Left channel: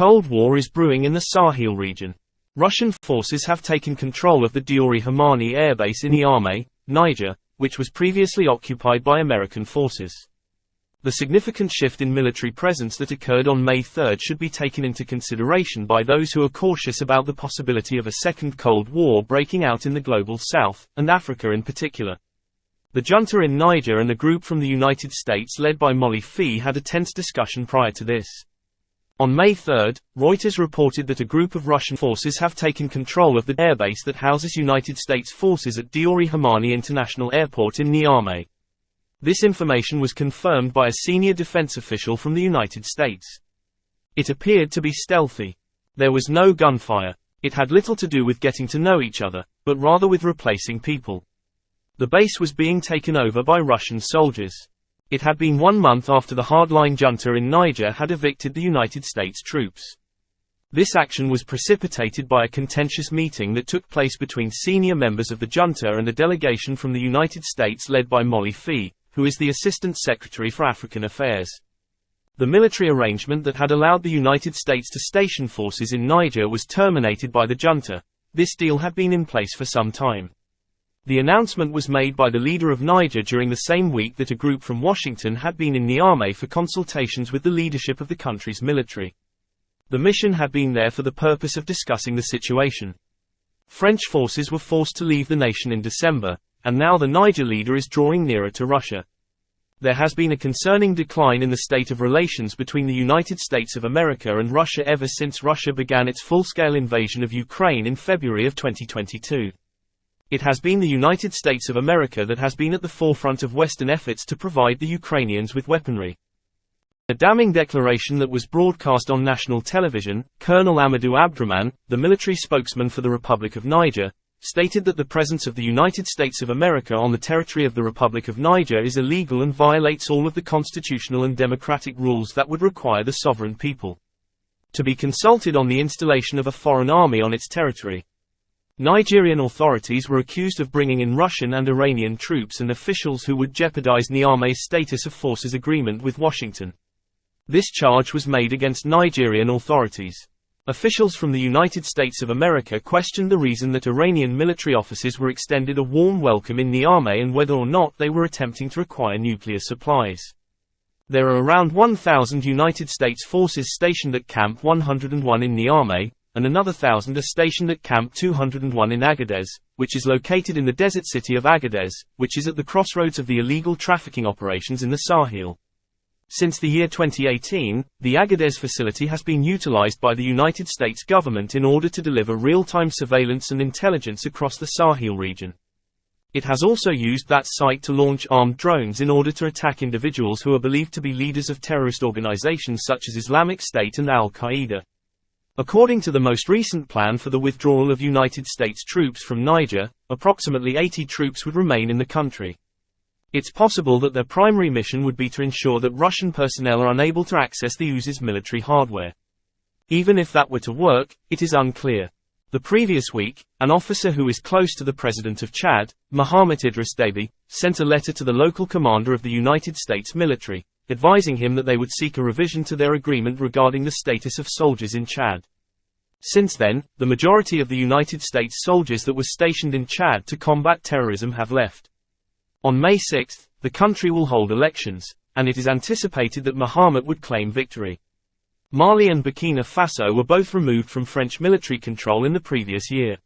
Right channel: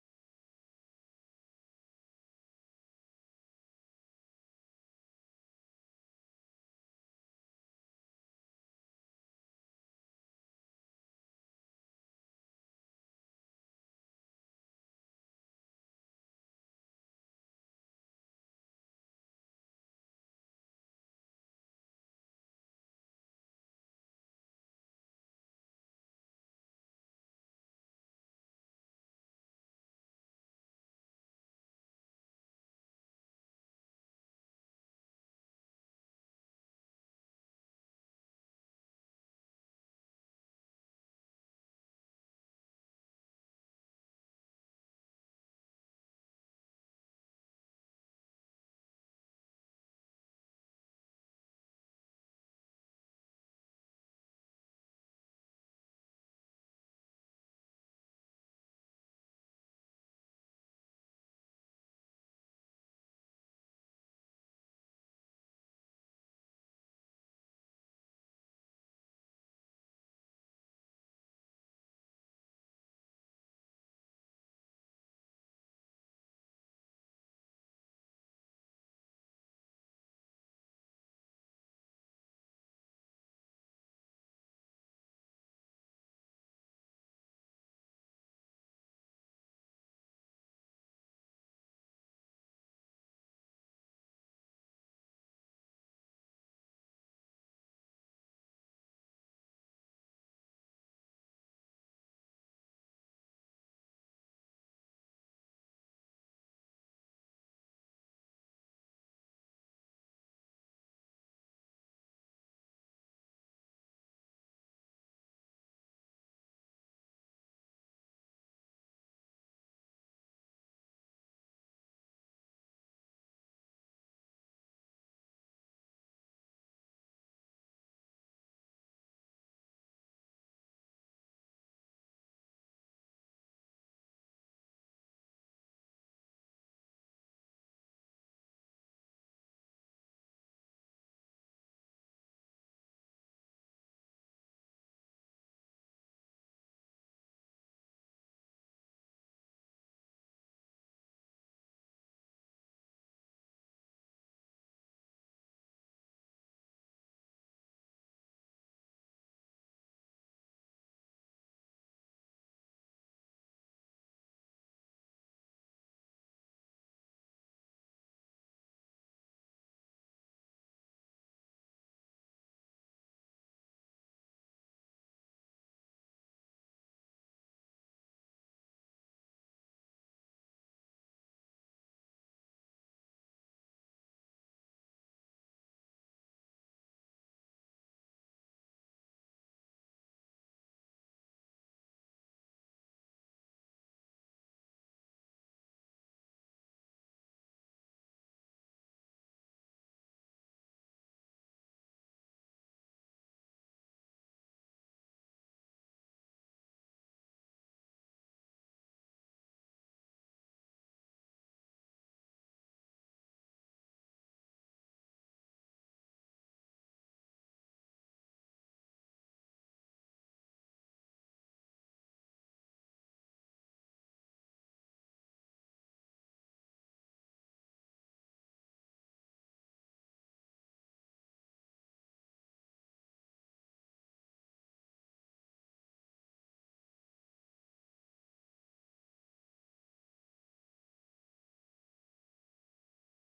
Cold War is brewing in the Sahel region. Russian forces have taken control of the Diori Hamani airbase in Niamey, Niger, which was previously occupied by American forces. The significant shift in military presence that occurred on May 3 should be taken into consideration by those who are cautious about the possibility of a second Cold War breaking out in the Global South, and Africa in particular. The junta in Niger and a group from the United States led by Molly Fee had a tense discussion prior to this. On May 3, Reuters reported that a group of Russian forces have taken control of the airbase that houses United States forces at Diori Hamani International Airport in Niamey. This information was confirmed by a senior defense official from the United States. It appeared to be stealthy. There was no gunfire. It had little to do with getting to know each other, but rather with replacing people. The base was being taken over by Russian soldiers. It had been 1 month after the hardline junta in Niger had evicted the United States troops. This action was precipitated by a contentious meeting that took place between senior members of the junta and a delegation from the United States led by Molly Fee, who is the Assistant Secretary for African Affairs. The military arrangement that had allowed the United States to station forces in Niger was terminated by the junta. This deal had been in place for some time. The announcement was made by the leader of Niger during the same week that a group from Washington had been in Niamey for consultations with the leadership of the country's military. The mission had been there for the purpose of discussing the situation. French forces were forced to leave the nation in December, and now the Niger leader is drawing nearer to Russia. There has been a concerning decline in the state of relations between the United States of America and Russia ever since Russia began its full-scale invasion of Ukraine in February of 2022. It has been the United States of America that has been at the forefront of Western efforts to provide the Ukrainians with weaponry. A damning declaration that was broadcast on national television, Colonel Amadou Abdrahman, the military spokesman for the Republic of Niger, stated that the presence of the United States of America on the territory of the Republic of Niger is illegal and violates all of the constitutional and democratic rules that would require the sovereign people to be consulted on the installation of a foreign army on its territory. Nigerian authorities were accused of bringing in Russian and Iranian troops and officials who would jeopardize Niamey's status of forces agreement with Washington. This charge was made against Nigerian authorities. Officials from the United States of America questioned the reason that Iranian military officers were extended a warm welcome in Niamey and whether or not they were attempting to acquire nuclear supplies. There are around 1,000 United States forces stationed at Camp 101 in Niamey, and another 1,000 are stationed at Camp 201 in Agadez, which is located in the desert city of Agadez, which is at the crossroads of the illegal trafficking operations in the Sahel. Since the year 2018, the Agadez facility has been utilized by the United States government in order to deliver real-time surveillance and intelligence across the Sahel region. It has also used that site to launch armed drones in order to attack individuals who are believed to be leaders of terrorist organizations such as Islamic State and Al-Qaeda. According to the most recent plan for the withdrawal of United States troops from Niger, approximately 80 troops would remain in the country. It's possible that their primary mission would be to ensure that Russian personnel are unable to access the US's military hardware. Even if that were to work, it is unclear. The previous week, an officer who is close to the President of Chad, Mohamed Idris Deby, sent a letter to the local commander of the United States military, advising him that they would seek a revision to their agreement regarding the status of soldiers in Chad. Since then, the majority of the United States soldiers that were stationed in Chad to combat terrorism have left. On May 6, the country will hold elections, and it is anticipated that Mohamed would claim victory. Mali and Burkina Faso were both removed from French military control in the previous year.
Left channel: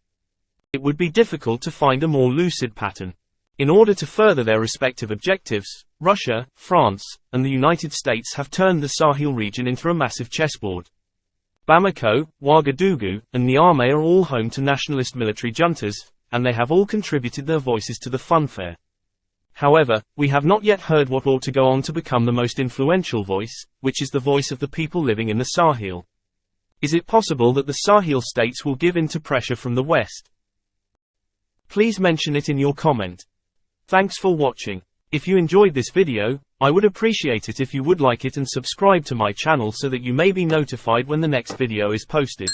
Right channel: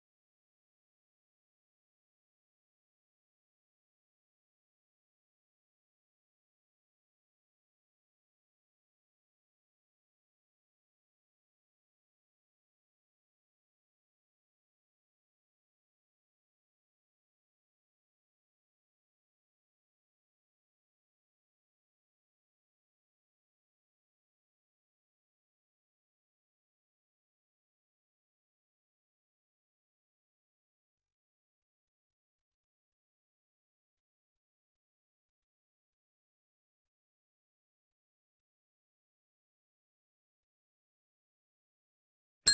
It would be difficult to find a more lucid pattern. In order to further their respective objectives, Russia, France, and the United States have turned the Sahel region into a massive chessboard. Bamako, Ouagadougou, and Niamey are all home to nationalist military juntas, and they have all contributed their voices to the funfair. However, we have not yet heard what ought to go on to become the most influential voice, which is the voice of the people living in the Sahel. Is it possible that the Sahel states will give in to pressure from the West? Please mention it in your comment. Thanks for watching. If you enjoyed this video, I would appreciate it if you would like it and subscribe to my channel so that you may be notified when the next video is posted.